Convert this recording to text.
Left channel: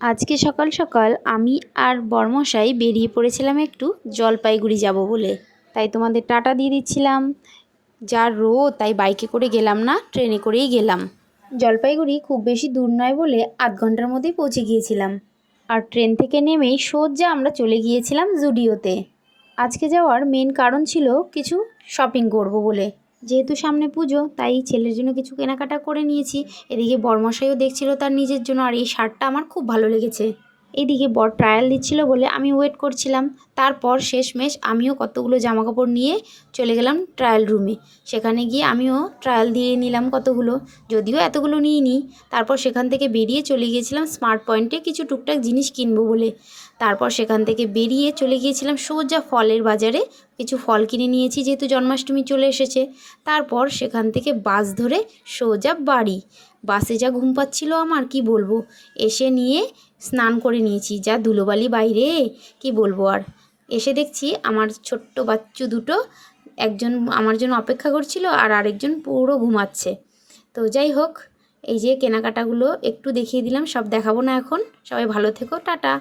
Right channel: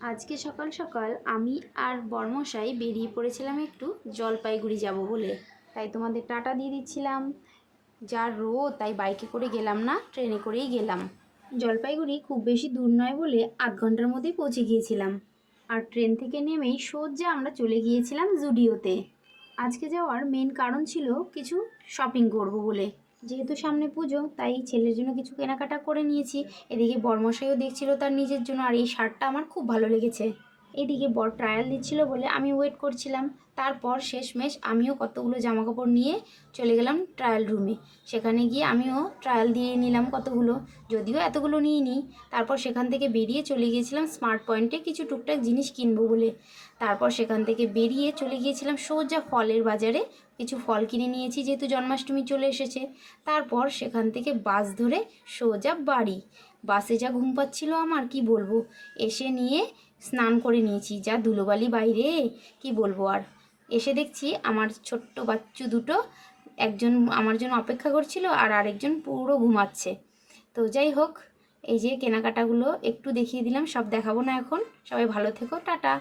আজকে সকাল সকাল আমি আর বরমশাই বেরিয়ে পড়েছিলাম একটু জলপাইগুড়ি যাব বলে। তাই তোমাদের টাটা দিয়ে দিচ্ছিলাম। যা রোদ, তাই বাইকে করে গেলাম না, ট্রেনে করেই গেলাম। জলপাইগুড়ি খুব বেশি দূর নয় বলে আধ ঘন্টার মধ্যেই পৌঁছে গিয়েছিলাম। আর ট্রেন থেকে নেমেই সোজা আমরা চলে গিয়েছিলাম জুডিওতে। আজকে যাওয়ার মেন কারণ ছিল কিছু শপিং করব বলে। যেহেতু সামনে পুজো, তাই ছেলের জন্য কিছু কেনাকাটা করে নিয়েছি। এদিকে বরমশাইও দেখছিল তার নিজের জন্য, আর এই শার্টটা আমার খুব ভালো লেগেছে। এইদিকে বর ট্রায়াল দিচ্ছিল বলে আমি ওয়েট করছিলাম। তারপর শেষমেশ আমিও কতগুলো জামাকাপড় নিয়ে চলে গেলাম ট্রায়াল রুমে। সেখানে গিয়ে আমিও ট্রায়াল দিয়ে নিলাম কতগুলো, যদিও এতগুলো নিইনি। তারপর সেখান থেকে বেরিয়ে চলে গিয়েছিলাম স্মার্ট পয়েন্টে কিছু টুকটাক জিনিস কিনবো বলে। তারপর সেখান থেকে বেরিয়ে চলে গিয়েছিলাম সোজা ফলের বাজারে। কিছু ফল কিনে নিয়েছি, যেহেতু জন্মাষ্টমী চলে এসেছে। তারপর সেখান থেকে বাস ধরে সোজা বাড়ি। বাসে যা ঘুম পাচ্ছিল আমার, কি বলবো। এসে নিয়ে স্নান করে নিয়েছি, যা ধুলোবালি বাইরে, কি বলবো আর। এসে দেখছি আমার ছোট্ট বাচ্চু দুটো, একজন আমার জন্য অপেক্ষা করছিল আর আরেকজন পুরো ঘুমাচ্ছে। তো যাই হোক, এই যে কেনাকাটাগুলো একটু দেখিয়ে দিলাম, সব দেখাবো না এখন। সবাই ভালো থেকো, টাটা।